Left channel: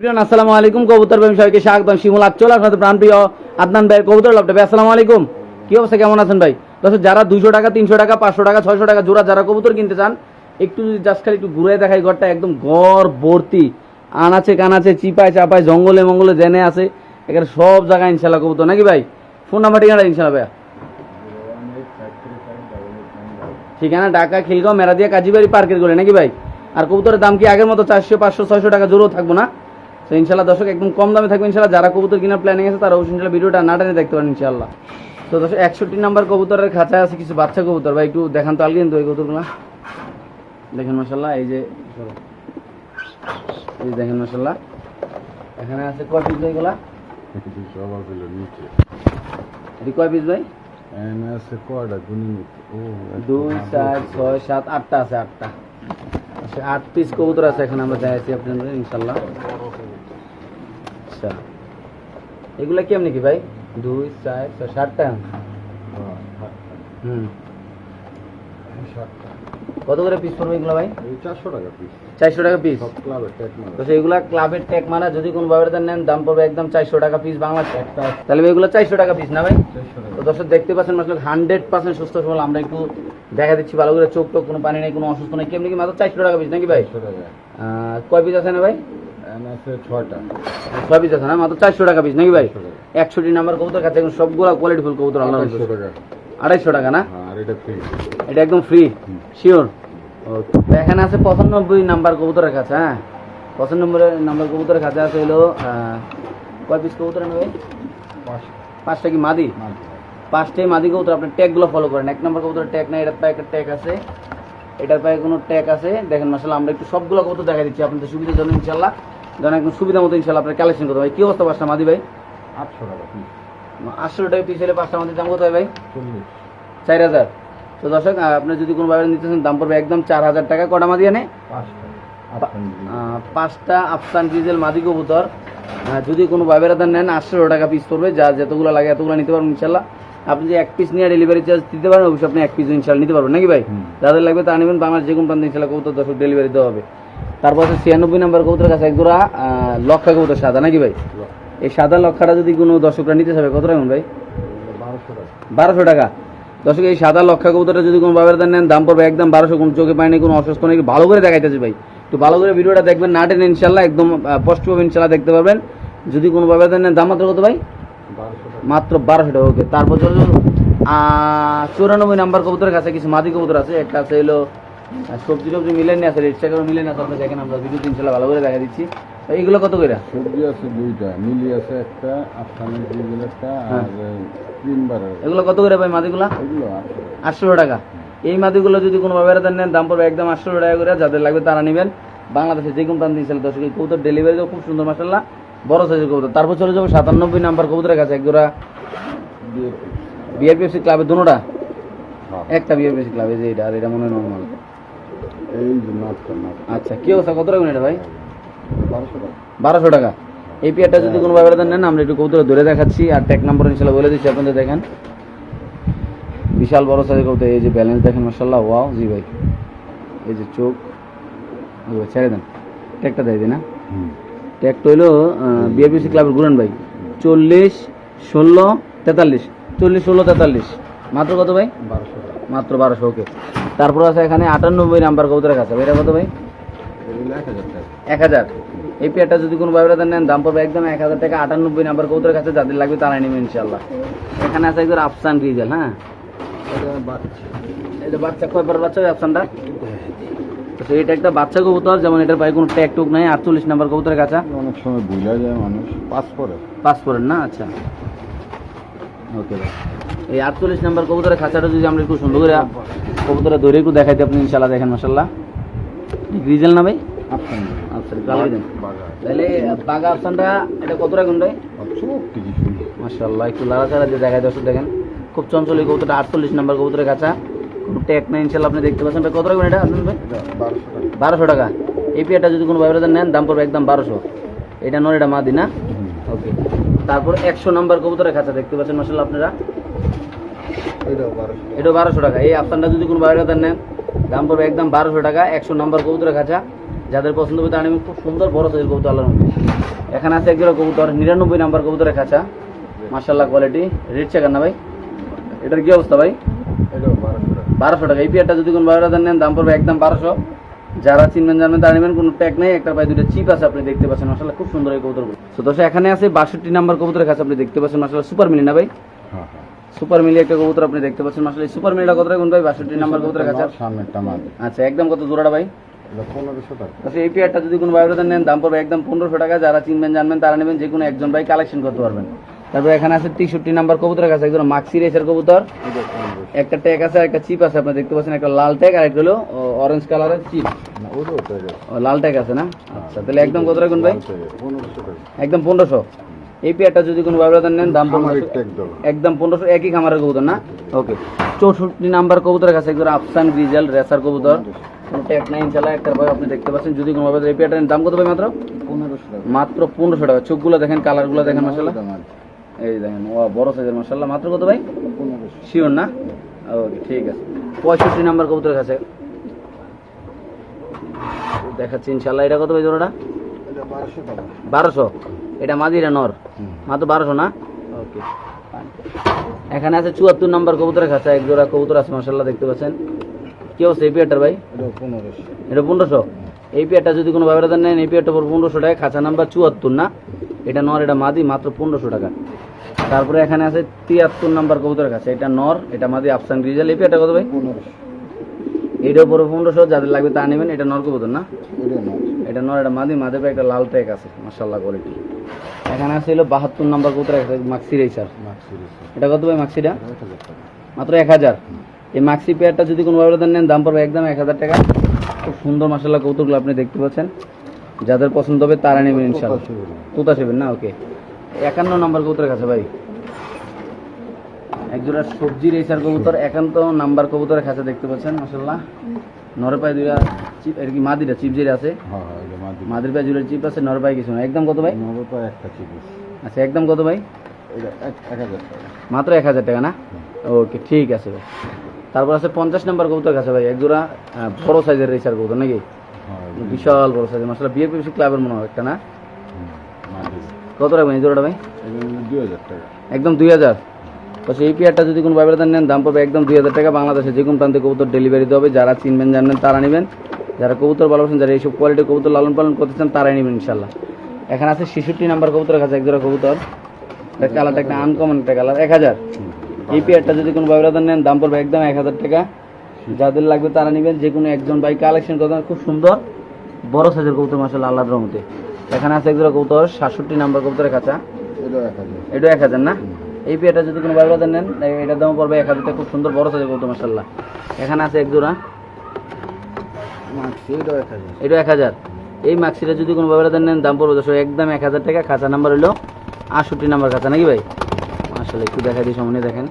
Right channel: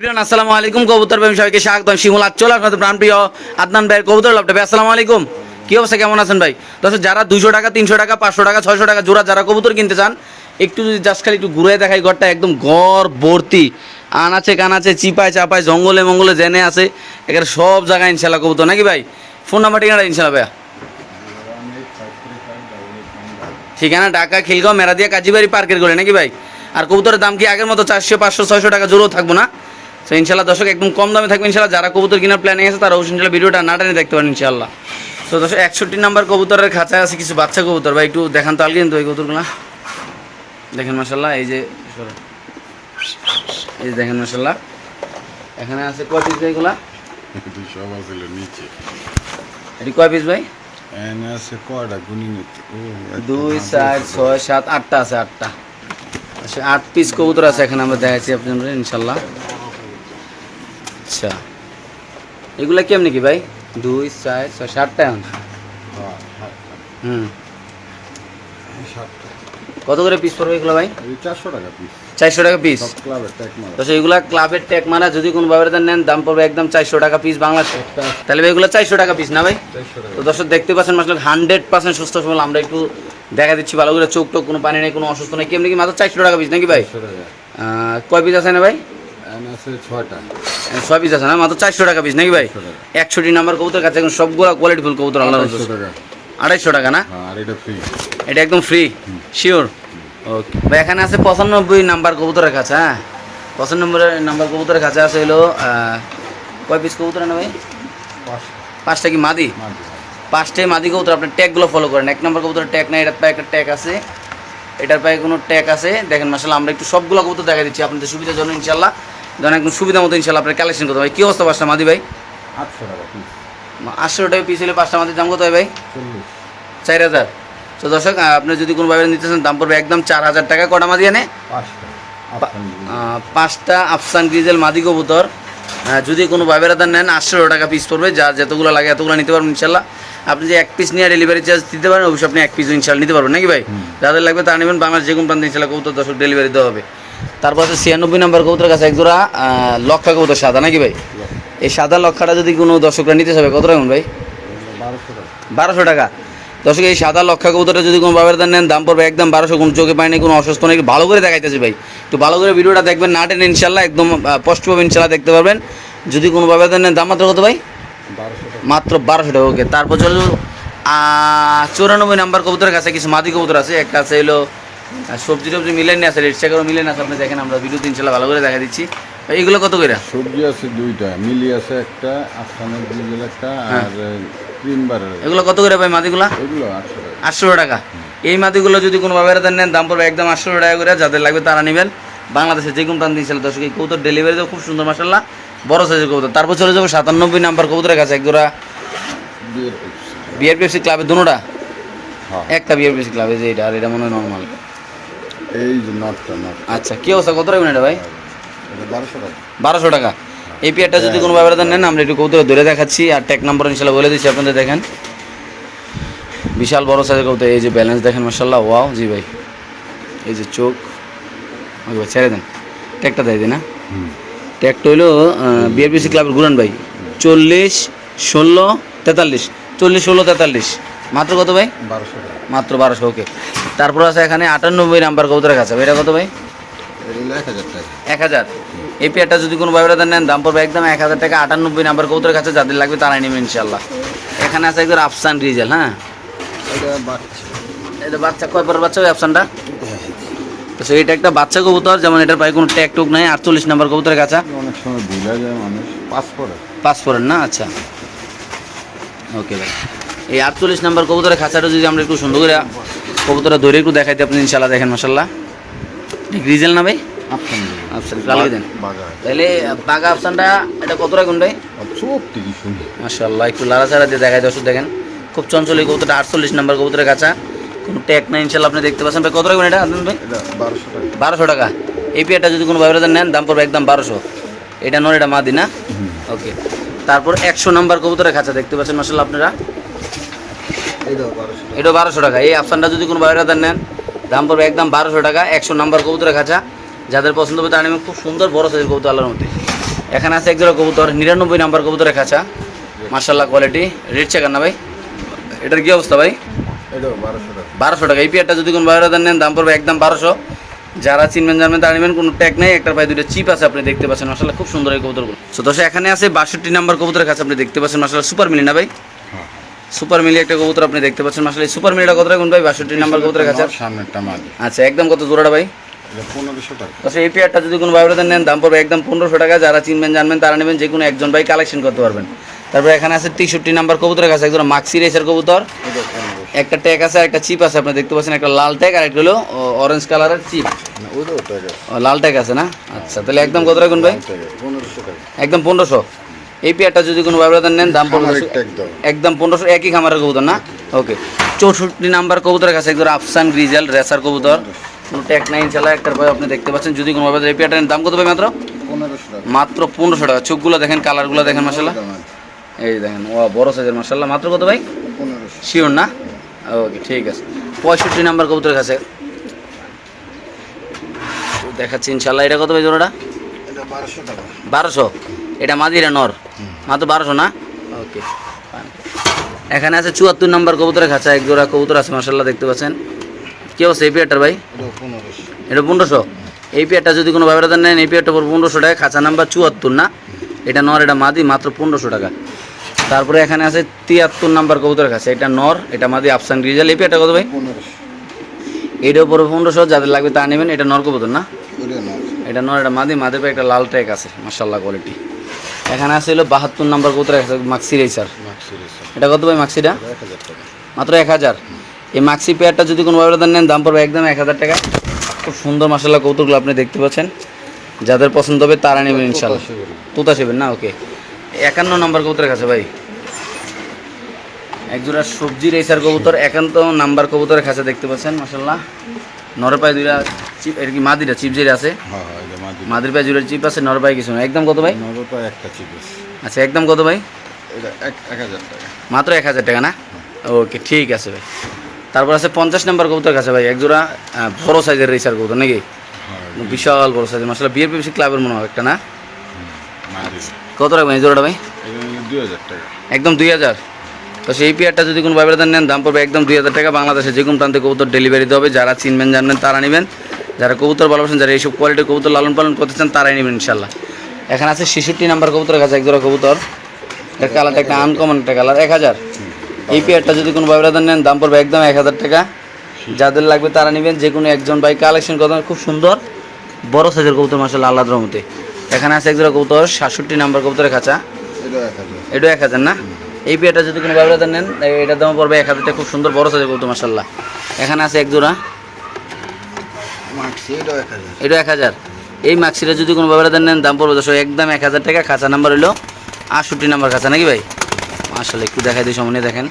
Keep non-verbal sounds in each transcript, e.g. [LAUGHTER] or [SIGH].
আসসালামু আলাইকুম, কবুতর প্রেমী সবাইকে স্বাগতম। শিমুল আচ্চল আপনাদের প্রাণপ্রিয় আদনান ভাইয়ের কবুতর লাভটা ভাই আসসালামু আলাইকুম। কি অবস্থা, কেমন আছেন ভাই? দর্শক, যারা দুশো টাকা, তিনশো টাকা, পাঁচশো টাকা, ছয়শো টাকা জোড়া যারা কবুতর কিনতে চান, একটু যদি জাস্ট খালি একটু ঘুরে দেখাই ঘরটা, একদম ঘর ভর্তি। আনাচে কানাচে চিপায়, চাপায়, জঙ্গলে মঙ্গলে জেনে আছে এখানে সব জায়গায় ইনশাল্লাহ কবুতর। নাকি ভাই? ফোন নাম্বার ঠিকানা ইনশাল্লাহ ভাইয়া। ঠিকানা ঢাকা, খিলগাঁও, মেরাদিয়া, কাজীবাড়ি, পার্কের গলে। নাকি ভাই? আর কবুতরের দাম কি আগের মতো চারশো, পাঁচশো, ছয়শো টাকা জোরও থাকব না? তো ইনশাল্লাহ দর্শক একদম কম দামে থাকবে ইনশাল্লাহ যারা কবুতর কেনার প্ল্যানিং আছে তারা অবশ্যই ইনশাল্লাহ ভিডিওটা না টেনে দেখতে পারেন ইনশাল্লাহ তো দর্শক একষট্টি নাম্বার কবুতরের খাঁচায় আছে কিছু বাচ্চা কবুতর। ভাই একটু দেখান তো কিন্তু এই কবুতরগুলো। দেখেন মাসাল্লাহ এই যে এই যে দেখেন মাসাল্লাহ এখানে আছে কয় পিস ভাই এগুলা? সব আছিল নিচে। এটি কয় পিস ভাই? এনে আছে কয়টা? গুনি নিতে। ও দুই চার ছয় সাত আটটা আছে আটটা। আচ্ছা আট পিস কবুতর আছে এখানে আমরা দেখাচ্ছি আপনাদের ইনশাল্লাহ আচ্ছা। এগুলা কেমনি কি ভাই? দুই চার ছয় সাতটা এখন? হুম। কত করে পিস পড়বে এগুলো ভাই? চারশো টাকা পিস চারশো টাকা পিস তো এগুলা ক্লাবের ট্যাগ মারা যদি কোনো ব্যবহার নেন দাম পড়বে একদম চারশো টাকা পিস বাংলা তাহলে ভাই এগুলো চারশো টাকা পিস না ভাই? তো দর্শক দেখতে পাচ্ছেন মাসলে হান্ড্রেড পার্সেন্ট সুস্থ সবল। আমরা একটু দেখা দিচ্ছি ভালো করে। চোখ টোক কোনো পানি নেই কোনো অসুস্থ নেই। কেমনি কি মাত্র চারশো টাকা পিস নাকি ভাই? টাকা। কয় পিস আছে না ভাই? আছে ছয়টা। ছয় পিস আছে না? মাত্র চারশো টাকা পিস নাকি ভাই? একষট্টি নাম্বার কবুতর কাছে এখন সবগুলো কোয়ালিটি ফুল কবুতর আল্লাহ আড়াইশো টাকা। না? হ্যাঁ, এটা একদম ফ্রি শিওর ওকে ভাই এখানে আছে পঁচানব্বই নাম্বার কবুতরের কাছে হ্যাঁ? পঁচানব্বই নাম্বার কবুতরের কাছে আছে হলো আহ, কয় পিস কবুতর না ভাই? পাঁচটা। কি মাদি? পাঁচটাই মাদি কবুতর আপনার ট্যাগগুলো ফলো করেন। এক নম্বর কবুতর ট্যাগ নাই এটার পায়ে একটা ট্যাগ আছে। এটার পায়ে কোনো ট্যাগ আছে? দেখেন মাসাল্লাহ আমরা একটু সবগুলো কবুতর দেখা দিচ্ছি আপনাদের সুবিধার জন্য ইনশাল্লাহ যেন একদম সুবিধা মতো ইনশাল্লাহ আপনার কালেকশন করতে ভাই কী অবস্থা পাঁচটা মাদি ভাই? আটশো টাকা পিস আটশো টাকা পিস হলে পাঁচটা মাদির দাম কত হয় ভাই? চার হাজার। তো দর্শক আপনি যদি কোনো ভাবে নিতে চান দাম পড়বে একদম চার হাজার টাকা। কটা মাদি আনে পাঁচটা। আফসান ডিজেল মাদি কবুতর। যদি কোনো ভাবেরাদার নেন আটশো টাকা পিস পড়বে। যা যতগুলো লাগে এতগুলো নিতে পারবেন ইনশাল্লাহ আপনি যে এক পিস নিয়ে ডেলিভারি চার্জ দিতে পারেন অবশ্যই আপনি এক পিস ইনশাল্লাহ নিতে পারবেন। নাকি ভাই? যাদের লাগবে তা নেবেন। বাংলার যে কোনো প্রান্তে ইনশাল্লাহ কবুতর দর্শক ডেলিভারি দেওয়া হবে। তারপর আছে ছিয়ানব্বই নম্বর কবুতর কাছে এক জোড়া লক্ষা কবুতর সাদা, নাকি ভাই? এই সাদা লক্ষাটা যদি কোনো দর্শকরা নিতে চাবে, কত রাখুন ভাই? বারোশো টাকা। দর্শক, এই সাদা লক্ষা কবুতরটা যদি কোনো বাবার নেন, দাম পড়বে একদম বারোশো, কোনো চোখে পায়নি কোনো অসুস্থ একটু ভালো করে দেখাইতেছি ভাই। একটু ভালো করে ভিডিওটা দেখবেন, না টেনে ইনশাল্লাহ একদম স্পষ্টভাবে ইনশাল্লাহ দেখতে পারবেন। যদি কোনো বাবার নেন, দাম মাত্র কত ভাই? মাত্র বারোশো টাকা ওকে তারপর চলো চৌরানব্বই নাম্বার কবুতরের কাছে কিছু মাদি কবুতর আছে। একটা আছে হলো আহ, সবজি টবজি মিলেন আছে রেট চেকারও মিলেন আছে আপনি দেখেন আমরা ভিডিওতে ইনশাল্লাহ ভালো করে দেখা দিচ্ছি। ভাই এগুলো কত করে সবজি আছে দুইটা মিলি আছে একটা আফসানের ডিজেল একটা হ্যাঁ। আর ক্রিম বারের এগুলো কত করে ভাই মাদিগুলা? এগুলো আটশো। টাকা। এই মাদিগুলো যদি কোনো ব্যবহার নেন দাম পড়বে একদম আটশো টাকা করে যাদের লাগবে তারা নেবেন। বাংলাদেশে যে কোনো প্রান্ত দিয়েছিল দর্শক এই কবুতর ডেলিভারি খুব সুন্দর মাসাল্লাহ বড় সাইজের কবুতর। তারপর চলে যাব সাতানব্বই নাম্বার কবুতরের কাছে এক জোড়া বিয়ের পিস বিআরপিএফসি ক্লাবের দুটা? হ্যাঁ। একটা বিআরপিএফসি ক্লাবে যে এটা আর এটা মনে হয় নর্মাল এই আচ্ছা কি অবস্থা? কত রাখবেন এটা ভাই? বারোশো টাকা। টাকা। এই পেয়ারটা যদি কোনো ব্যাপারে নেন আমরা একটু কবুতর ধরে দেখাচ্ছি। আর ট্যাক নাম্বার ইনশাল্লাহ বলে দিচ্ছি আপনাদের দেখেন। বিশাল বড় সাইজের কবুতর এই যে ব্যালেন্স দেখেন মাসাল্লাহ ওয়াও জি ভাই। এই যে চোখ। ওকে ভাই ছেড়ে দেন। ট্যাগটা দেয় দিই না ট্যাগটা হইল বিআরপিসি ক্লাবের গুরান ভাই। চল্লিশ ষোলো তেতাল্লিশ। চল্লিশ ষোলো তেতাল্লিশ। মাত্র কত ভাই? বারোশো টাকা। মাত্র বারোশো ওকে তারপর আছে এখানে আটানব্বই নাম্বার কবুতরের কাছে। এটা কত ভাই? এক হাজার। এই পেয়ারটা যদি কোনো ব্যবহার নেন দাম পড়বে একদম এক হাজার টাকা আটানব্বই নাম্বার কবুতরের কাছে যাদের লাগবে তারাই নেবে ইনশাল্লাহ এখানে আছে একদম আফসান রিজেল হ্যাঁ? এটা বাচ্চা বাচ্চা কয়বার বাচ্চা ওই আফসানটা? তো সেই এটা একটা বাচ্চা কবুতর যেমন এটার পায়ে কোনো ট্যাগ টুক নাই আটচল্লিশ নাম্বার কবুতরের কাছে। অনেক সময় ভুলে যায় মানুষ পাস করে পাস করেন না? আচ্ছা। ওকে ভাই। এই আটচল্লিশ নাম্বার কবুতরের খাঁচাটা যদি আমরা একটু সুন্দর করে কবুতরটা ধরে একটু দেখাইতে আপনি ইনশাল্লাহ দেখেন মাসাল্লাহ রিজেল না ভাই? আফসান। কালকে দেন। তাহলে বাঘা আফসানটা এটা কত রাখুন ভাই মাশাল্লাহ একটু লাড়াচাড়া দিয়ে দর্শক দেখেন। খুব চঞ্চল এই কবুতরটা আটচল্লিশ নাম্বার কবুতরের কাছা কোনো ট্যাগ নাই ইনশাল্লাহ আপনি দেখতে পাচ্ছেন। ভাই কত রাখবেন এটা আনন্দ ভাই? বারোশো টাকা। এই পেয়ারটা যদি কোনো নেন দাম পড়বে একদম বারোশো। এটা নয় এটা মাদি না? ওকে। তারপর একশো নাম্বার কবুতরের খাঁচা দেখতে পাচ্ছেন মাসাল্লাহ আপনারা। এটাও বারোশো টাকা। এই আফসানটা যদি কোনো ব্যবহার নেন দাম পড়বে একদম বারোশো টাকা একশো নাম্বার কবুতরের খাঁচা। যাদের পছন্দ হবে তারা খুব সুন্দর বড় সাইজের কবুতর আল্লাহর মধ্যে এখানে আছে একজোড়া কবুতর নিরানব্বই নাম্বার কবুতরের খাঁচা। মার্শাল্লাহ কোয়ালিটি রেট চেকার না ভাই। এটার কী অবস্থা ভাই? বারোশো টাকা। এই পেয়ারটা যদি কোনো বাইরে নেন দাম পড়বে একদম বারোশো। যারা চিনবেন জানবেন তারা নেবেন কোনো ট্যাগ নেই। একটার পায়ে দুটো চিপ আছে আপনি দেখতে পাচ্ছেন। মাসাল্লাহ খুব সুন্দর এই কবুতরগুলো। সো দোষ এখানে আছে বাষট্টি নাম্বার কবুতরের কাছে আপনি দেখতে পাচ্ছেন। মাসাল্লাহ সুপার মিলি না ভাই? হ্যাঁ। সুপার মিলি একটা কবুতর আপনি দেখতে পাচ্ছেন। এই সুপার মিলিটা কত রাখুন ভাই? বাষট্টি নাম্বার কবুতরের কাছে? সামনেরটা মাদি। আচ্ছা একদম কত জোড়াটা ভাই? এটা পনেরোশো টাকা। আচ্ছা এই পেয়ারটা যদি কোনো বাইরে নেন দাম পড়বে একদম পনেরোশো টাকা। যারা চিনবেন জানবেন তারা নেবেন যে কোনো একজন ভাই কালেকশন করতে পারবেন। তারপরে এখানে আছে তেষট্টি নাম্বার কবুতরের কাছে একজন মাক্সি রেসের কবুতর। একটা ট্যাগ আছে আর একটা চিপ আছে আপনি দেখতে পাচ্ছেন একটা লাল ট্যাগ আর একটা হলো অরেঞ্জ কালারের চিপ লাল ট্যাগ আছে না? আচ্ছা তাহলে একদম কত রাখুন ভাই? একদম পনেরোশো। এই পেয়ারটা যদি কোনো ব্যবধান নেন দাম দাও একদম। পনেরোশো একই খামারের কবুতর না? ওকে চৌষট্টি নাম্বার কবুতরের কাছে একদম আফসান গ্রিজেল রেসার কবুতর। কোনো ট্যাগ নাই একটার পরে আপনি দেখতে পাচ্ছেন। যদি কোনো ব্যবধান এই পেয়ারটার দাম কত ভাই মাত্র? মাত্র পনেরোশো টাকা। চোখগুলো দেখেন কালারগুলো দেখেন এই দেখেন ও বড় সাইজের মাসাল্লাহ মাত্র কত ভাই? শিওর না? ওকে ঠিক আছে। পঁয়ষট্টি নাম্বার কবুতরের কাছে। দেখাচ্ছি ইনশাল্লাহ এটা কত ভাই জোড়াটা? বারোশো? এটা মাদিরা নর। মাত্র বারোশো না? ওকে। এখানে আছে চুয়াত্তর নম্বর কবুতরের খাঁচা এক জোড়া কবুতর আছে মাসাল্লাহ দেখতে পাচ্ছেন। কি অবস্থা এই পেয়ারটার ভাই? এটা পনেরোশো। এই পেয়ারটা যদি কোনো ব্যবহার নেন এই পেয়ারটা পর পনেরোশো টাকা খাঁচা নাম্বার চুয়াত্তর না? এটা নর এটা মাদি মাত্র পনেরোশো টাকা। তারপরে এখানে আছে তিয়াত্তর নাম্বার কবুতরের খাঁচা এটা নর এটা মাদি আফসান গ্রিজাল। এই পেয়ারটা কত ভাই? এইটার উপরে পনেরোশো যাদের লাগবে তা নেবেন এটা নর কবুতর না? এটা নর এটা মাদি মাদের পায়ে একটা লাল ট্যাগ আছে মার্শাল্লাহ কোয়ালিটি এখানে আছে হলো বাহাত্তর নাম্বার কবুতর আছে মাক্সি রেসার এটা কত ভাই মাক্সিটা মাত্র এক হাজার। এই মাক্সি পেয়ারটা যদি কোনো ব্যবধান নেন দাম পড়বে একদম এক হাজার টাকা। খুব সুন্দর মার্শাল্লাহ কৌতুকগুলো আপনি দেখতে পাচ্ছেন। যাদের পছন্দ হবে তারা নেবেন ইনশাল্লাহ। তোতা সেবেন না? ওকে। একান্ন নাম্বার কবুতরের কাছে ভাই। একজোড়া সবজি রেসার কবুতর একান্ত নাম্বার কবুতরের কাছে দেখতে পাচ্ছেন মাসাল্লাহ নর পায়ে দুইটা চিপ এর কি মাদিরা চিপ যেটা আছে? হ্যাঁ হ্যাঁ মাদির পায়ে জুড়ে চিপ আছে নর পায়ে কিছু না একদম কত ভাই? নরটা একটা চিপিস আচ্ছা একদম কত ভাই? মাত্র এক হাজার টাকা না? ওকে ঠিক আছে ভাই। তারপর আছে পঞ্চাশ নম্বর কবুতর কাছে ভাই একজোড়া বড় সাইজের রেসার কবুতর নাকি? হ্যাঁ বিশাল বড় সাইজের মাসাল্লাহ বিয়ের পিসি ক্লাবের মনে হয় একটা না? কত রাখবেন এই জোড়াটা ভাই? দুই হাজার টাকা। একদম দুই হাজার? তো সেই পেয়ারটা যদি কোনো ব্যবধান নেন দাম পড়বে একদম দুই হাজার টাকা। বাংলাদেশে যে কোনো প্রান্তে কবুতর ডেলিভারি দেবে যারা চিনবেন জানবেন তারা নেবেন। যারা কবুতর ভালোবাসেন যারা এইসব কোয়ালিটির কবুতর লালন পালন করতে চান তারাই নেবেন ইনশাল্লাহ এখানে আছে ছেষট্টি নাম্বার কবুতরের কাছে একজোড়া কবুতর। এর কালার একটা আনকমন একটা কালার এক হাজার। এই পেয়ারটা যদি কোনো ব্যবধান নেন দাম পড়বে একদম এক হাজার টাকা। যাদের লাগবে তারা নেবেন। যে কোনো একজন বাই কালেকশন করতে খুব সুন্দর। বড় সাইজের কবুতর মাসাল আল্লাহ রহমতে। এখানে আছে একজোড়া কবুতর সাতষট্টি নাম্বার কবুতরের এক হাজার। এটা এক হাজার না? এই পেয়ারটা যদি কোনো ব্যবধান নেন এটার দাম পড়বে এক হাজার খুব সুন্দর বড় সাইজের কবুতর মাসাল্লাহ এখানে আছে এক জোড়া। এটা এক হাজার। এই মাক্সিটা যদি কোনো ব্যবধান নেন দাম পড়বে দশ একদম এক হাজার টাকা। খাঁচা নাম্বার হলো আটষট্টি নাম্বার খাঁচা নাকি ভাই? আসলে একটু দেখাই দিই সামনে দেখেন।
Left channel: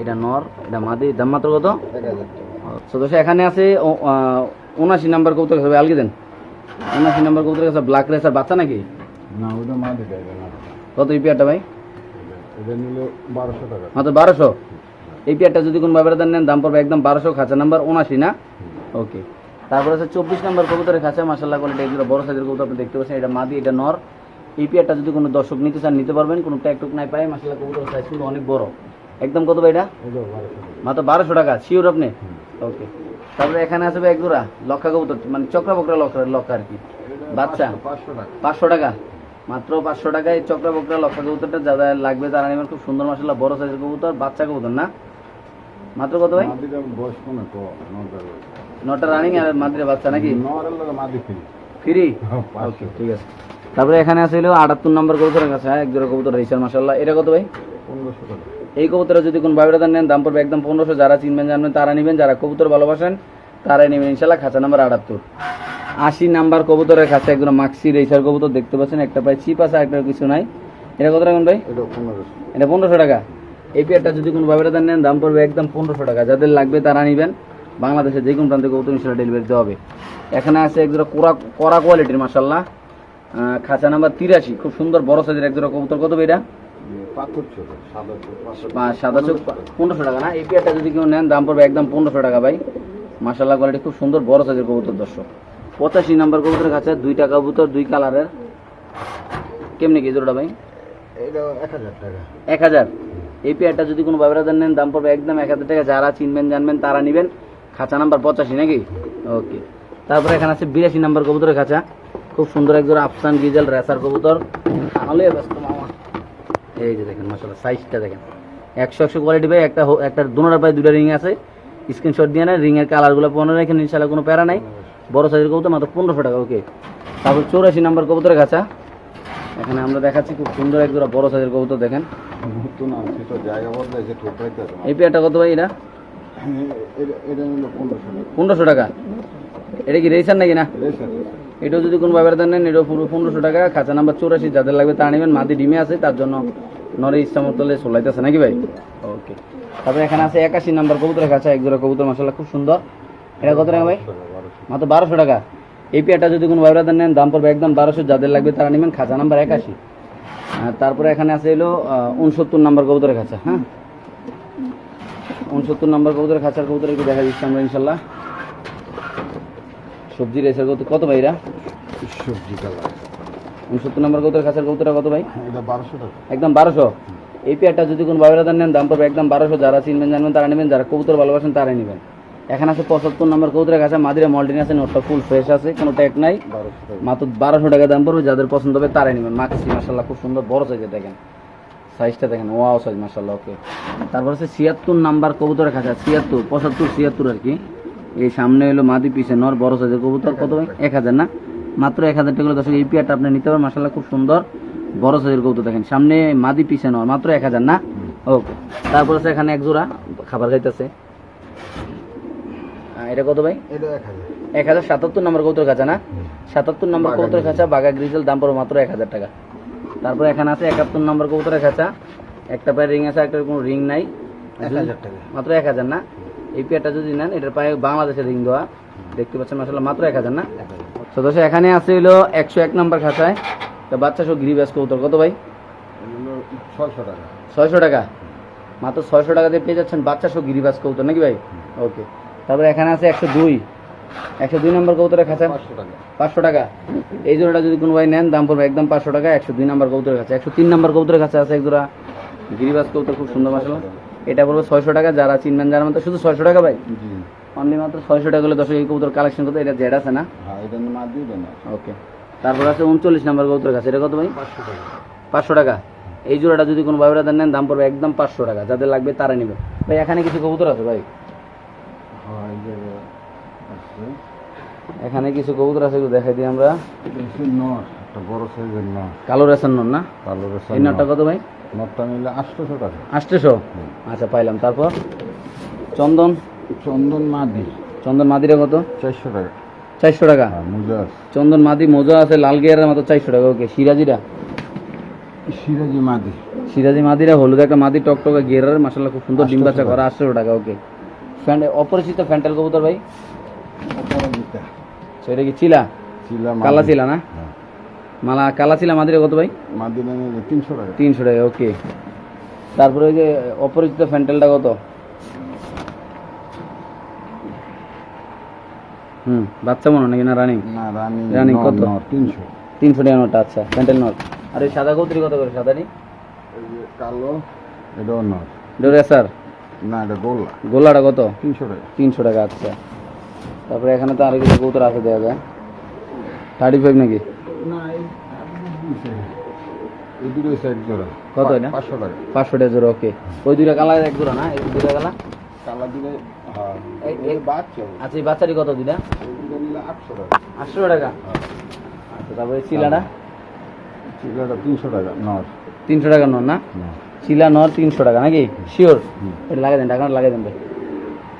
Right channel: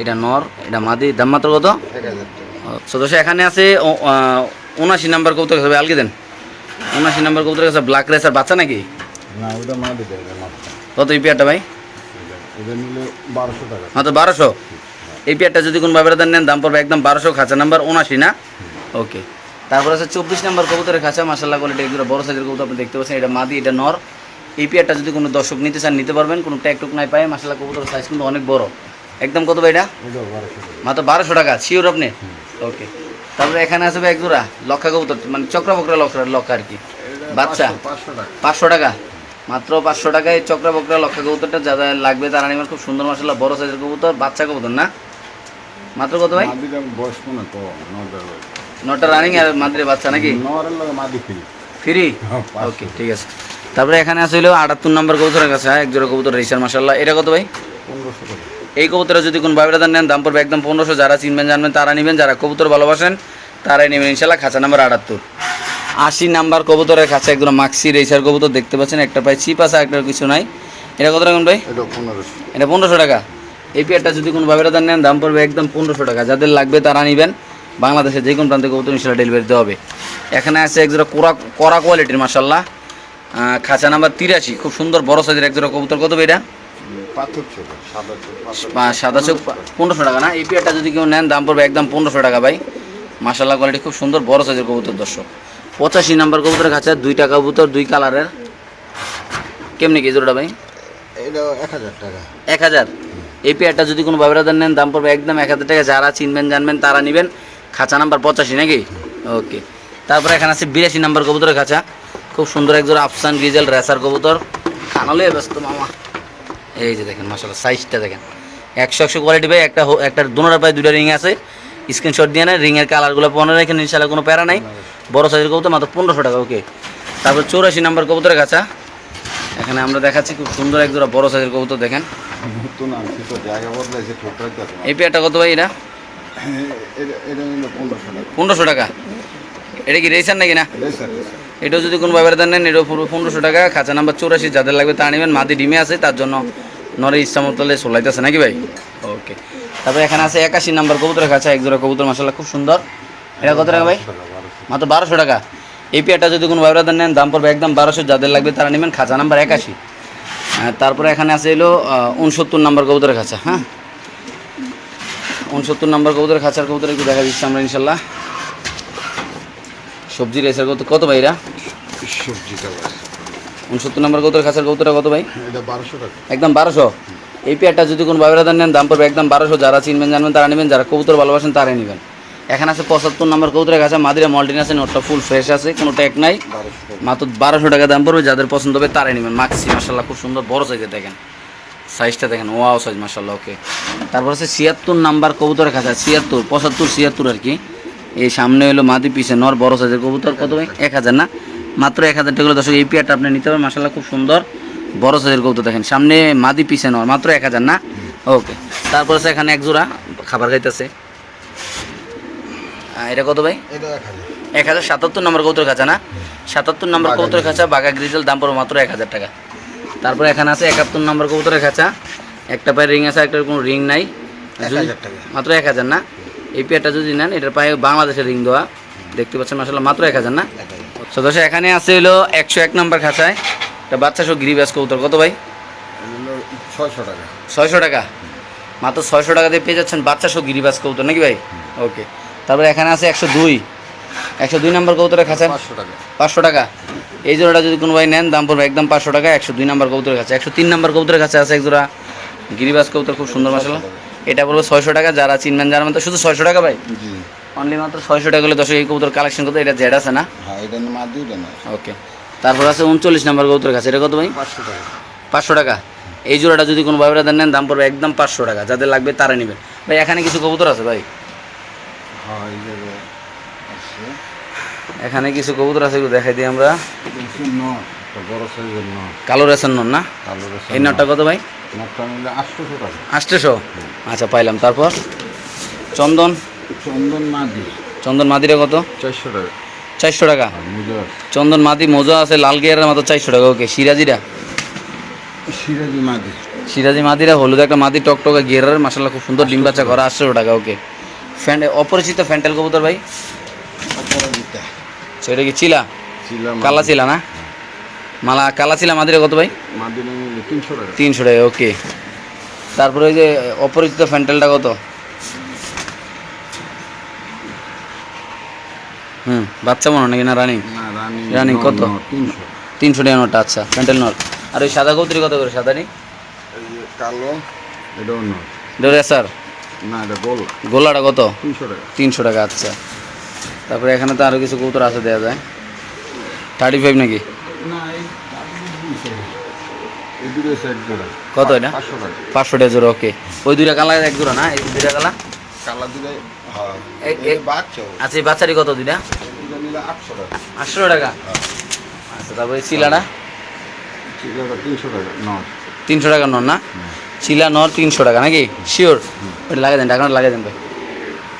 এটা নর এটা মাদি দাম মাত্র কত? সদস্য এখানে আছে উনাশি নাম্বার কবুতর কাছে ভাই আলগে দেন। উনাশি নাম্বার কবুতর কাছে ব্ল্যাক রেসার বাচ্চা নাকি? না ওটা মাদি। কত এই পেয়ারটা ভাই এটা নিলে বারোশো টাকা মাত্র বারোশো? এই পেয়ারটা যদি কোনো ব্যবধান নেন দাম পড়বে একদম বারোশো খাঁচা নাম্বার উনাশি না? ওকে। তারপর আছে চব্বিশ নাম্বার কবুতরের খাঁচা মাসাল্লাহ কোয়ালিটি এগুলো বড় সাইজের কবুতর আপনি দেখতে পাচ্ছেন এটা মাদি এটা নর। এই পেয়ারটা যদি কোনো দর্শক নিতে চান নিতে পারবেন কোনো ট্যাগ টুক নাই পায়। মাসাল্লাহ কবুতরের সাইজ কিন্তু অনেক বড়। একদম কত ভাই এটা মাত্র বারোশো টাকা শিওর আপনি? ওকে। তারপরে এখানে আছে ভাই এক লক্ষা কবুতর মানে চক্র বকরা লক্ষা লক্ষা আর কি। বাচ্চা। পাঁচশো টাকা? মাত্র পাঁচশো টাকায় চক্রা বকরা লক্ষা কবুতরটা যা যা লাগবে তারা নেবেন খুব সুন্দর মশলা বড় সাইজের কবুতর বাচ্চা কবুতর না? মাত্র কত ভাই? নটা রানিং আর মাদ্রে বাচ্চা নাকি? ফিরি ওকে ঠিক আছে। তারপরে এখানে আছে হলো আটাত্তর নম্বর কবুতরের কাছে হ্যাঁ, এক জোড়া কবুতর রেসার মাসাল্লাহ এটা কত ভাই? এই কবুতরে যদি কোনো বায়োডাটা নেন দাম পড়বে একদম পনেরোশো। যারা চিনবেন জানবেন তারা নেবেন যারা কবুতর ভালোবাসেন তারাই নেবেন ইনশাল্লাহ খাঁচা নাম্বার আটাত্তর। আশি নাম্বার কবুতরের কাছে একদম মাক্সি রেসার কবুতর দেখতে পাচ্ছেন একটা পাই চিপ আছে একটা কিছু নাই। এটা কত রাখুন ভাই? এটা পনেরোশো। টাকা। এই পেয়ারটা যদি কোনো বায়োডাটা নেন দাম পড়বে একদম পনেরোশো টাকা। যাদের লাগবে তারা নেবেন। বাংলাদেশে যে কোনো প্রান্তে কবুতর ইনশাল্লাহ ডেলিভারি দেওয়া হবে। এখানে আছে এক জোড়া কোরা কড়া কোয়ালিটির মাসাল্লাহ খাঁচা নাম্বার তিরাশি। খুব সুন্দর বড় সাইজের এক জোড়া কবুতর। কত এটা সাদা চোখ পনেরোশো টাকা না? এই পেয়ারটা যদি কেউ নেন দাম পড়বে একদম পনেরোশো টাকা ভাই। মাসাল্লাহ কোয়ালিটি খুব সুন্দর বড় সাইজের কবুতর দর্শক। পঁচাশি নাম্বার কবুতরের কাছে দুইটা কবুতর দুই কালারের। কেমনি কি জোড়াটা ভাই? এক হাজার এই পেয়ারটা যদি কোনো বাবরাদার নেন দাম পড়বে একদম এক হাজার টাকা। যারা চিনবেন জানবেন তারা নেবেন। খাঁচা নাম্বার পঁচাশি নাকি? ওকে। তারপরে এখানে আছে বিরাশি নাম্বার কবুতরের খাঁচা। খুব সুন্দর একজোড়া আফসান গ্রিজেল রেসার কবুতর। কানালে ব্যস্ত মামা। এই যে দেখেন মাসাল্লাহ সাইজটা দেখেন। একশো একশো কোয়ালিটি ভাই একটা একটা দুনোটা পায়ে দুটা রিং আছে। স্ক্রিনশট দিয়ে নেন রিংয়ের কালারগুলো পনেরো এখানে ইনশাল্লাহ কোনো প্যারা নাই। বড় সাইজের কবুতর মাত্র পনেরোশো টাকা ওকে তারপর চৌরাশি নাম্বার কবুতরের খাঁচা। এখানে আমরা দেখাচ্ছি খুব সুন্দর একজোড়া বড় সাইজের কবুতর দেখেন। এই পেয়ারটা কত ভাই এটা? পনেরোশো টাকা। এটা কি রেসার নাকি না? এটাও যদি কোনো ব্যাপারে দেন নেন এটাও পুরো পনেরোশো টাকা। খাঁচা নাম্বার চৌরাশি যাদের লাগবে তা নেবেন মাদি ডিমে আছে তার জন্য নরে ইচ্ছা মতো সোলাইতেছে নাকি ভাই? ওকে তারপরে এখানে আছে একাশি নাম্বার কবুতরের খাঁচা এক জোড়া কবুতর মাসাল্লাহ খুব সুন্দর। এটা কত টাকা ভাই? মাত্র বারোশো টাকা। এই পেয়ারটা যদি কোনো ব্যাপারে নেন দাম পড়বে একদম বারোশো যাদের লাগবে তারা নেবেন খাঁচা নাম্বার একাশি। তারপরে এখানে আছে এলো উনসত্তর নাম্বার কবুতরের খাঁচা হ্যাঁ? উনসত্তর নাম্বার কবুতরের খাঁচার কবুতর একটু দেখা দিচ্ছি আমরা ইনশাল্লাহ। সবজি রেসের কত কত ভাইরা সবজি উনসত্তর নম্বর কৌতর খাঁচার কৌতরা কত ভাই? বারোশো টাকা। একদম বারোশো। এই পেয়ারটা যদি কোনো বাবেরাদার নেন দাম পড়বে একদম বারোশো। যারা চিনবেন জানবেন তারা নেবেন। যারা কবুতর ভালোবাসেন তারাই নেবেন। এখানে আছে পঁচাত্তর নম্বর কৌতরের কাছে, মাদিরা মল্টিন আছে, নোটটা ফুল ফ্রেশ আছে, কোনো ট্যাগ নাই। মাত্র বারোশো টাকা দাম পড়বে, যাদের পছন্দ হবে তারাই নেবেন। মাক্সি মাসাল্লাহ খুব সুন্দর, বড় সাইজে দেখেন। সাইজটা দেখেন ওয়াও সাইজ মাসাল্লাহ ওকে তারপর আছে ছিয়াত্তর নাম্বার কবুতরের কাছে, ছিয়াত্তর, পঁচাত্তর, ছিয়াত্তর আর কি। এই সামনে হলো মাদি, পিছে নর, বড় সাইজের কবুতর, কত এক হাজার না? মাত্র এক হাজার টাকা দর্শক, এই পেয়ারটা আপনি নিতে পারেন মাসাল্লাহ খুব সুন্দর, বড় সাইজের কবুতর দেখেন। সামনে মাদি, পিছে নর, মাত্র এক হাজার না? ওকে তারপর আছে এখানে এক জোড়া খাবার খাইতেছে। এটা কত ভাই? এক হাজার। সাতাত্তর নম্বর কৌতর খাঁচা না? সাতাত্তর নম্বর কৌতর খাঁচা বাঘা গ্রিজেল দাম পড়বে মাত্র এক হাজার টাকা। তারপর এখানে আছে একাত্তর নম্বর কৌতরের খাঁচা। একটা পায়ে রিং আছে একটা কোনো রিং নাই। মাত্র এক হাজার না? এই পেয়ারটা যদি নেন এটার পায়ে বাংলাদেশের রিং দেওয়া। দেখতে পাচ্ছেন আসলে মাত্র এক হাজার না? সদস্য এখানে আছে হলো একশো এক নম্বর খাঁচায়। একটা বাচ্চা সব গিরিবাস কৌতর কত ভাই? ছয়শো টাকা। ছয়শো টাকা। মাত্র ছয়শো টাকা দিয়ে পেয়ে যাচ্ছেন বাচ্চা সহ গিরিবাস কৌতর নাকি ভাই? ওকে তারপরে এখানে আছে একশো দুই। একশো দুই নম্বর কৌতরের খাঁচা। পাঁচশো টাকা। এই জোড়াটা যদি কোনো ভাই নেন দাম পড়বে একদম পাঁচশো টাকা একশো দুই নম্বর কবুতরের কাছে একশো তিন নম্বর কবুতরের কাছে আছে এক জোড়া। গিরিবাস কবুতর খুব সুন্দর মশলা এটা পড়বে ছয়শো টাকা। যারা চিনবেন যারা মতো শুধু ছয়শো টাকা ভাই? অনলি মাত্র ছয়শো টাকা হলে দর্শক এই কবুতর কালেকশন করতে এটা জেড আছে না? হ্যাঁ ওকে তারপর আছে উনচল্লিশ নম্বর কবুতরের কাছে এটা কত ভাই? পাঁচশো টাকা। পাঁচশো টাকা। এই জোড়াটা যদি কোনো ভাইরা নেন দাম পড়বে একদম পাঁচশো টাকা। যাদের লাগবে তারা নেবেন। ভাই এখানে কিছু কবুতর আছে ভাই হ্যাঁ এই যে আছে এখানে কিছু কবুতর আছে দেখাই দিই আমরা। কালো রেশন নন না? এই নটটা কত ভাই? আষ্টশো আচ্ছা পাইলাম। তারপর? চন্দন? চন্দন মাদি চন্দন মাদিরা কত? চারশো টাকা। চারশো টাকা চন্দন মাদি মোজা আছে, লাল গিয়ারের মতো চারশো টাকা। ওকে, সিরাজিরা? সিরাজি মাদি সিরাজি মাদিরা, হলুদ একটা মাদি টকটকা গিয়ারের মাসাল্লাহ খুব সুন্দর ডিম বাচ্চা করা, আটশো টাকা। ওকে। ফ্যান অপরিচিত ফ্যান্টেল কবুতর ভাই? অপরাজিতা সেটা কি চিলা? কালা চিলা না? মালা কালা চিলা মাদিরা কত ভাই? তিনশো টাকা। তিনশো টাকা ওকে তারপরে ওই যে অপরিচিত ফ্যান্টেলটা কত? হুম বাচ্চা মনে হয় নাকি না রানিং? রানিং কত? তিনশো। টাকা নোটটা আচ্ছা প্যান্টেল নট। আর ওই সাদা কৌতরি কত করে সাদানি এই কালো ডোরে স্যার? না এটা গোল। গোলাটা কত? তিনশো টাকা। তিনশো টাকা আচ্ছা। তারপরে এখানে তো আরও কিছু কৌতর আছে দেওয়া যায়। থার্টি ফাইভ নাকি? না কত এটা? পাঁচশো টাকা। পাঁচশো টাকা জোড়া ওকে ওই দুইটা কালা এক জোড়া না? এই দুইটা কালা কালা দুটো হ্যাঁ এই- এই এই- বাচ্চা আচ্ছা এই বাচ্চারই কত দুইটা? আটশো টাকা। টাকা? আচ্ছা তারপরে চিলাটা? তিনশো টাকা টাকা নর না? চিলা নর তিনশো টাকা নাকি? শিওর ওটা লাগিয়ে দেন টাকাটা লাগিয়ে দেন ভাই।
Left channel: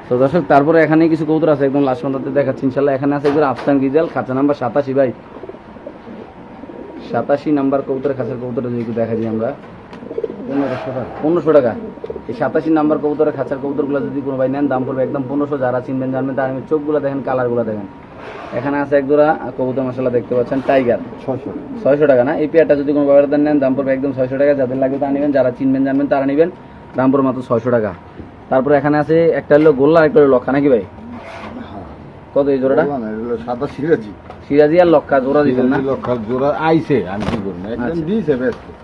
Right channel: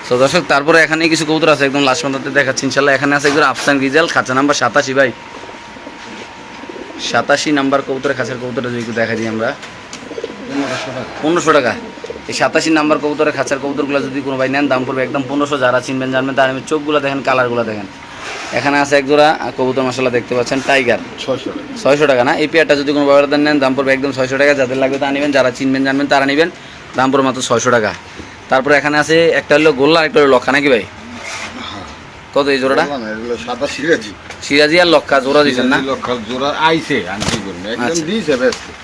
তো দর্শক তারপরে এখানে কিছু কবুতর আছে একদম লাস্ট পর্যন্ত দেখাচ্ছি। ইনশাল্লাহ এখানে আছে একদম আফসান গিজাল খাঁচা নাম্বার সাতাশি ভাই। সাতাশি নাম্বার কবুতরের খাঁচার কবুতরটা যদি দেখা দিই আমরা। পনেরোশো টাকা। এই সাতাশি নাম্বার কবুতরের খাঁচার কবুতরগুলো যদি কোনো ভাই নেন দাম পড়বে একদম পনেরোশো। যারা চিনবেন জানবেন তার আমি চোখগুলো দেখেন কালারগুলো দেখেন। এখানে আছে এক জোড়া কবুতর মশলা দেখতে পাচ্ছেন টাইগার। ছয়শো টাকা। ছয়শো টাকা না? এই পেয়ারটা যদি কোনো ব্যবহার নেন দাম পড়বে একদম ছয়শো টাকা। যাদের লাগবে তা নেবেন যারা চিনবেন জানবেন তারা নেবেন। দাম পড়বে মাত্র ছয়শো টাকা। তারপরে এখানে আছে একটা হলো গোল্লা আর একটা হলো লক্ষা নাকি ভাই? কত এই জোড়াটা? সাদা সিরাজি। সিরাজি আর লক্ষা জোড়া দিচ্ছেন না? লক্ষার জোড়া আইছে আমি কি করব একদম আচ্ছা। দিয়েছে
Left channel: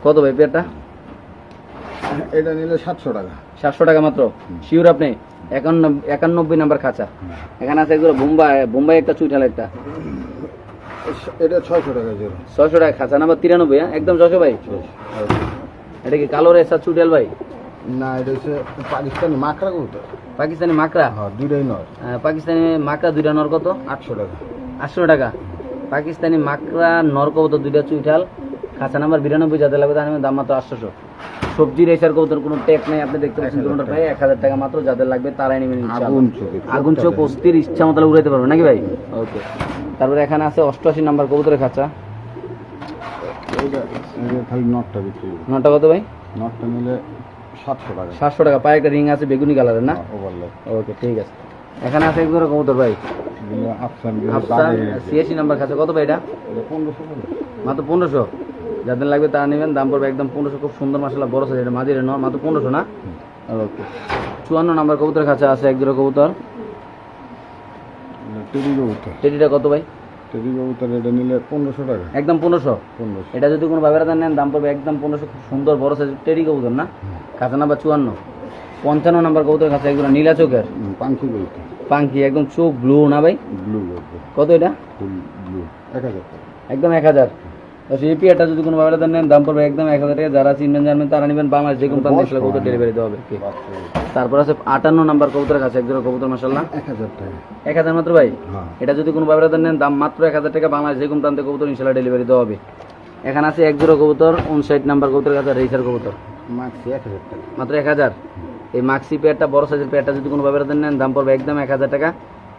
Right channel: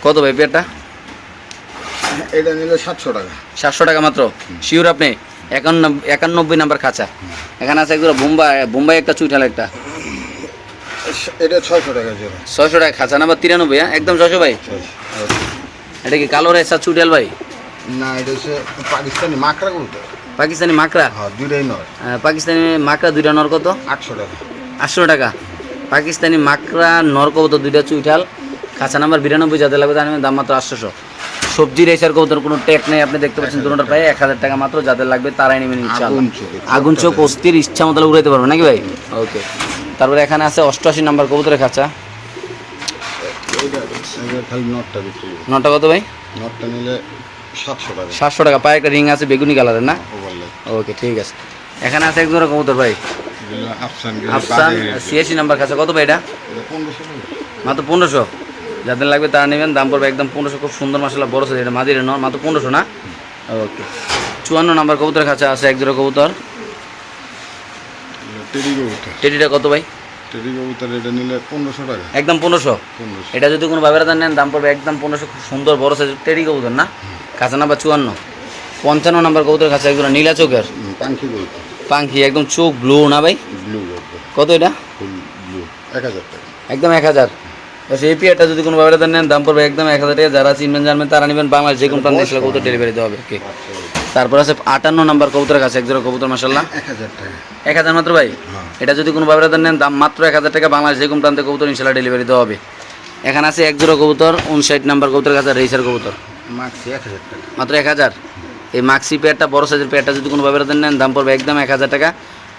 কত ভাই পেয়ারটা? এটা নিলে সাতশো টাকা। সাতশো টাকা মাত্র? শিওর আপনি? একান্ন একানব্বই নাম্বার খাঁচা। এখানে আছে একদম বোম্বাই বোম্বাই একটা চুইঠাল একটা। এটা ছয়শো টাকা জোড়া। ছয়শো টাকা খাঁচা নাম্বার তিরানব্বই হ্যাঁ? একদম ছয়শো ভাই। এটা কি কালো রেসা চুইঠাল ভাই? না এটা হচ্ছে পাকিস্তানি মাকড়া করতে পাকিস্তানি মাকড়া? হ্যাঁ দুইটাই আহ, পাকিস্তানি মাকড়া দুইটা নর কত? আটশো টাকা। আটশো টাকা। পাকিস্তানি মাকড়া নর কবুতর দুইটা চুইঠাল খাঁচা নাম্বার বিরানব্বই যাতে লাগবে তার দাম মাত্র আটশোশো। সবজি রেসার কবুতর কোনো টেক নেই আপনি দেখতে পাচ্ছেন দুটোটা প্রায় এক হাজার টাকা মাত্র যাদের লাগবে তারাই নেবেন। আগুন চোখে আগুন চোখ অস্থির ইচ্ছা মতো উড়াইতে পারব নাকি ভাই? ওকে। তারপরে এখানে আছে অষ্টআশি নাম্বার কবুতরের খাঁচা। নটটা নটা কত ভাই? নটটা নিলে সাতশো টাকা। সাতশো টাকা। পায়ে একটা রিং আছে বেগুনি কালারের না? ওভারলে ওকে ঠিক আছে। এখানে আছে এক জোড়া কবুতর ভাই। সিএসি নাম্বার খাঁচা কত ভাই এটা? মাত্র পনেরোশো। যাদের লাগবে তারা নেবেন। দাম পড়বে একদম পনেরোশো। খুব সুন্দর মশলা বড় সাইজ এটা। মাদিরে নয় মাত্র পনেরোশো না? ওকে। চুয়ান্ন নাম্বার কবুতরের খাঁচা আছে এক জোড়া কবুতর। টেডিটা কত ভাই? টেরি কবুতর এটা নিলে পনেরোশো টাকা। একদম পনেরোশো। এটা যদি কোনো বাবেরা নেন দাম পড়বে একদম পনেরোশো। খুব সুন্দর বড় সাইজ টেডি কবুতর না? খাঁচা নাম্বার চুয়ান্ন। পঞ্চান্ন নাম্বার কবুতর খাঁচা একজন নীলা চোখের। পাঙ্খি পাঙ্খি একদম চোখ ব্লু না ভাই? ব্লু কত এটা? ব্লু এক হাজার টাকা। একদম এক হাজার। এই পিয়ারটা যদি কোনো দান নেন দাম পড়বে একদম এক হাজার টাকা। যারা চিনবেন জানবেন তারা নেবেন বাংলাদেশ যে কোনো প্রান্তে এসে কবুতর ডেলিভারি দেওয়া হবে। ওকে তারপর আছে আটান্ন নাম্বার কবুতরের কাছে এক জোড়া কবুতর মাসাল্লাহ এক হাজার টাকা। এক হাজার মাত্র ভাই? হ্যাঁ। এটা যদি কোনো দান নেন দাম মাত্র এক হাজার টাকা। বাংলাদেশ যে কোনো প্রান্তে কবুতর ইনশাল্লাহ ডেলিভারি দেওয়া হবে। এখানে আছে এক জোড়া কবুতর উনষাট নাম্বার কবুতরের কাছে রেসার কবুতর। মাক্সি এক হাজার টাকা। মাত্র এক হাজার? এই মাক্সি পেয়ারটা বড় সাইজের পেয়ারটা যদি কোনো ব্যবহার নেন দাম পড়বে একদম এক হাজার টাকা।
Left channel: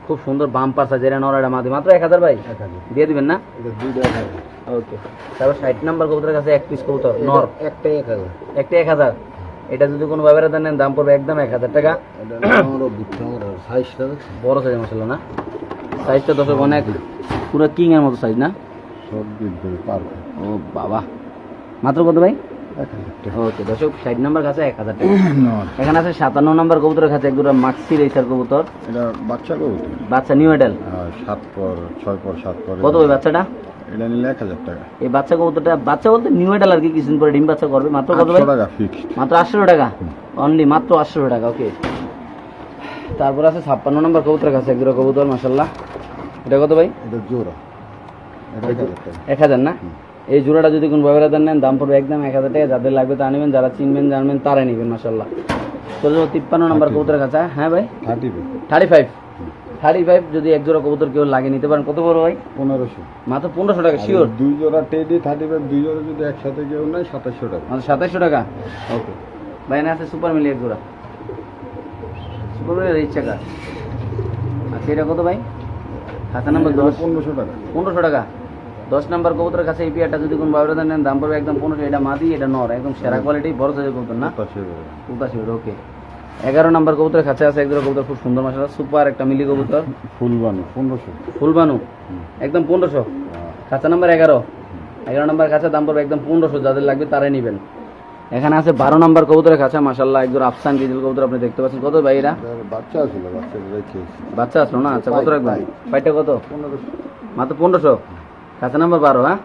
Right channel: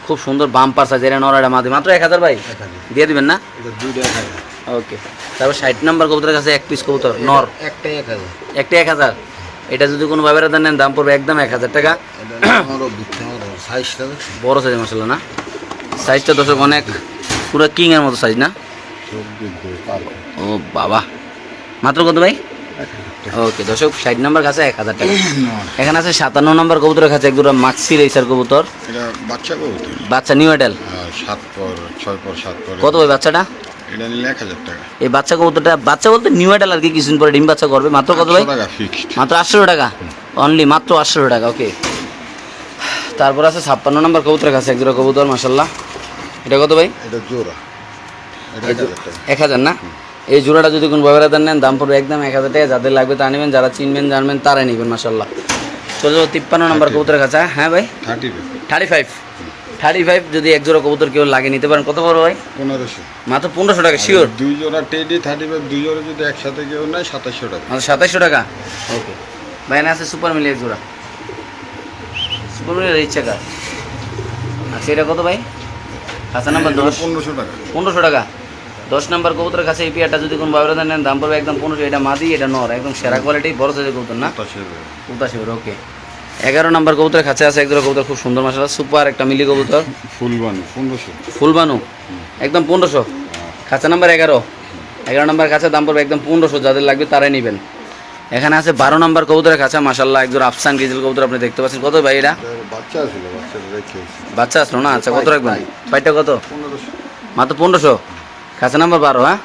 খুব সুন্দর বাম্পার সাইজ এটা নড়াটা মাদি। মাত্র এক হাজার ভাই? দিয়ে দিবেন না? ওকে তারপর ষাট নাম্বার কবুতরের কাছে এক পিস কবুতর নর। একটাই এক হাজার। একটা এক হাজার? এটা যদি কোনো ব্যবহার নেন দাম পড়বে একদম এক হাজার টাকা। সাইজটা বড় সাইজ মশলা না? সাইজটা দশক অনেক। পুরো কিং এর মতো সাইজ না? ও বাবা। মাত্র কত ভাই? ওকে দশক ষাট নাম্বার কাছে এক হাজার টাকা। [CLEARS THROAT] এখানে আছে সাতান্ন নম্বর কবুতরের কাছে এক দুটো মাক্সি রেসার কবুতর। এটা বাচ্চা কবুতর? বাচ্চা নিউ এডেল সাত পর ছয় পর সাত পর কত ওই বাচ্চাটা? এটা নিলে এক হাজার টাকা। এই বাচ্চা কবুতরটা বাচ্চা বলতে নিউ এডাল আর কি কিছুদিন পরে ডিম বাচ্চা করবে। মাত্র কত ভাই? মাত্র আটশো টাকা? অনলি মাত্র আটশো টাকা ওকে তারপর আছে ছাপ্পান্ন নম্বর কবুতরের কাছে একজোড়া কবুতর মাসাল্লাহ এটা কত ভাই? এটা জোড়া। এক এক হাজার না? এই জোড়াটা যদি কোনো ব্যবহার নেন দাম পড়বে একদম এক হাজার টাকা। যাদের লাগবে তা নেবেন যারা চিনবেন জানবেন তারাই নেবেন মাসাল্লাহ চলে যাব তিপ্পান্ন নম্বর কবুতরের কাছে হ্যাঁ ভাই? Thirty thirty five thirty five যদি এক জোড়া কবুতর কেউ লাগে নিতে পারেন। কত বড় ভাই? পনেরোশো। মাত্র পনেরোশো টাকা শিওর দুই জোড়া টেডি থার্টি ফাইভ দুই জোড়া যদি একসাথে কেউ নেয় সাতাশশো টাকা। মাত্র সাতাইশশো টাকা? ওকে। ভাই না আছে সুপার মিলি এক জোড়া। সুপার মিলির ইচ্ছা কার? আচ্ছা এটা কত ভাই? আচ্ছা নাম্বার পনেরোশো টাকা। পনেরোশো টাকা। দশ নাম্বার কবুতরের কাছে এই পেয়ারটা যদি কোনো ব্যবহার নেন দাম পড়বে একদম পনেরোশো এটা মাদি এটা নর একদম সেরা কোয়ালিটি বড় সাইজের কবুতর না? উদাসী ওকে এগারো নাম্বার কবুতরের কাছে আছে একজোড়া কবুতর খুব সুন্দর মশলা সুপার একটা মিলি কবুতর। ফুলবানু পনেরোশো। ফুলবানু একদম পনেরোশো। খাঁচা নাম্বার এগারো। এগারো নাম্বার কাছে দাম পড়বে একদম পনেরোশো যাদের লাগবে তারাই নেবেন। এখানে আছে বারো নাম্বার কবুতরের কাছে মাসাল্লাহ একজন আফসান গিজেল কবুতর আপনি দেখতে পাচ্ছেন। কত ভাই এটা? বাচ্চা ছিল বাচ্চা বাচ্চা আসলো না? আচ্ছা কত রাখবেন? ভাইটা কত? পনেরোশো। মাত্র পনেরোশো? খাঁচা নাম্বার বারো হ্যাঁ?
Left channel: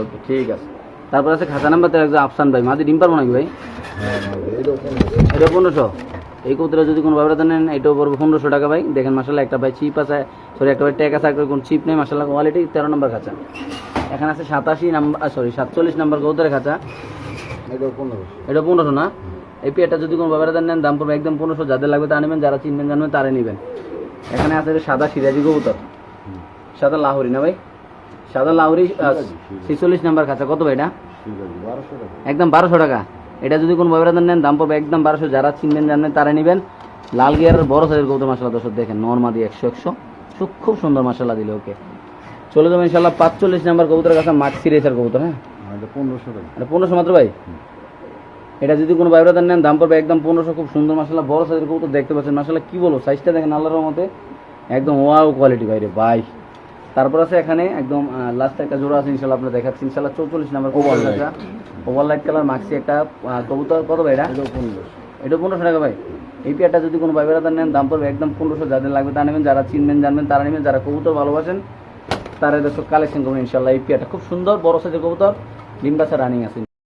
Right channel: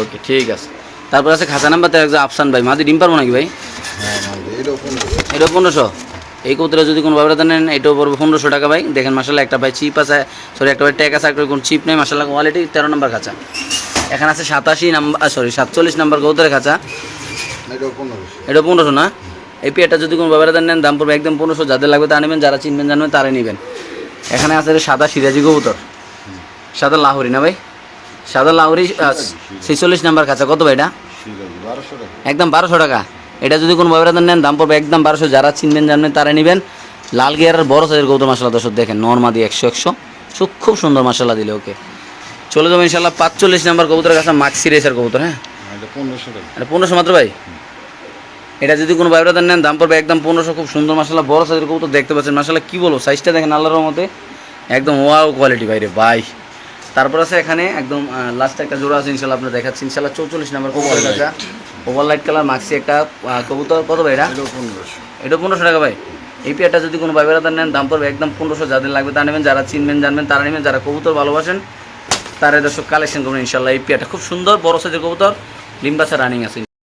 ওকে ঠিক আছে। তারপর আছে খাঁচা নাম্বার তেরো একজন আফসান ভাই। মাদি ডিম পারব নাকি ভাই? হ্যাঁ এটাও পনেরোশো। এই কবুতরে যদি কোনো ব্যবহার নেন এটাও পড়বে পনেরোশো টাকা ভাই। দেখেন মাসাল্লাহ একটা ভাই চিপ আছে। সরি একটা ভাই ট্যাগ আছে একটা কোনো চিপ নেই। মাসাল্লাহ কোয়ালিটি তেরো নম্বর খাঁচা। এখানে আছে সাতাশি নাম্বার সরি সাতচল্লিশ নাম্বার কবুতরের খাঁচা। এটাও পনেরোশো। এটা পনেরোশো না? এই পেয়ারটা যদি কোনো ব্যবহার নেন দাম পড়বে একদম পনেরোশো। যাদের লাগবে তা নেবেন যারা চিনবেন জানবেন তারাই নেবেন। এখানে আছে সাদা সিরাজি কবুতর। সাদা লাহরি না ভাই? সাদা লাহরি ছেচল্লিশ নাম্বার খাঁচা কত ভাই এটা? একদম বারোশো টাকা। এটা যদি কোনো ব্যবহার নেন দাম পড়বে একদম বারোশো। যারা চিনবেন জানবেন তারা নেবেন। লাল গিয়ারের বড় সাইজের গৌতম মশলা দর্শক দেখেন নর্মাদি একশো একশো। সু খুব সুন্দর মশলা দিলে ওকে। চলে যাব ইনশাল্লাহ পাঁচচল্লিশ নাম্বার কবুতরের কাছে মাক্সি রেসার কবুতর হ্যাঁ? এটা পনেরোশো টাকা। এটা পনেরোশো মাত্র ভাই? এটা যদি কোনো ব্যবহার নেন দাম পড়বে একদম পনেরোশো। খুব সুন্দর মশলা বড় সাইজের কবুতর দেখতে পাচ্ছেন। মশলা কী বলব সাইজটা দেখেন আল্লাহর মতে একদম ওয়াও কোয়ালিটি বাইরে ভাই। তারপর আছে এখানে একদম লাস্ট একটা জোড়া আছে ইনশাল্লাহ আপনার দেখাচ্ছি। ইনশাল্লাহ চৌচল্লিশ number over light colour maxi একটা কবুতর। কত ভাই এটা? এটা পনেরোশো। এটা পনেরোশো টাকা ভাই। এই পেয়ারটা যদি কোনো ভাই তার নেন দাম পড়বে একদম পনেরোশো। যাদের লাগবে তা নেবেন যারা চিনবেন জানবেন তারা নেবেন। যারা কবুতর ভালোবাসেন তারা দর্শক কালেকশন করবেন ইনশাল্লাহ এই পেয়ারটা খুব সুন্দর বড় সাইজের কবুতর। লিম্বাসা রানিং আছে।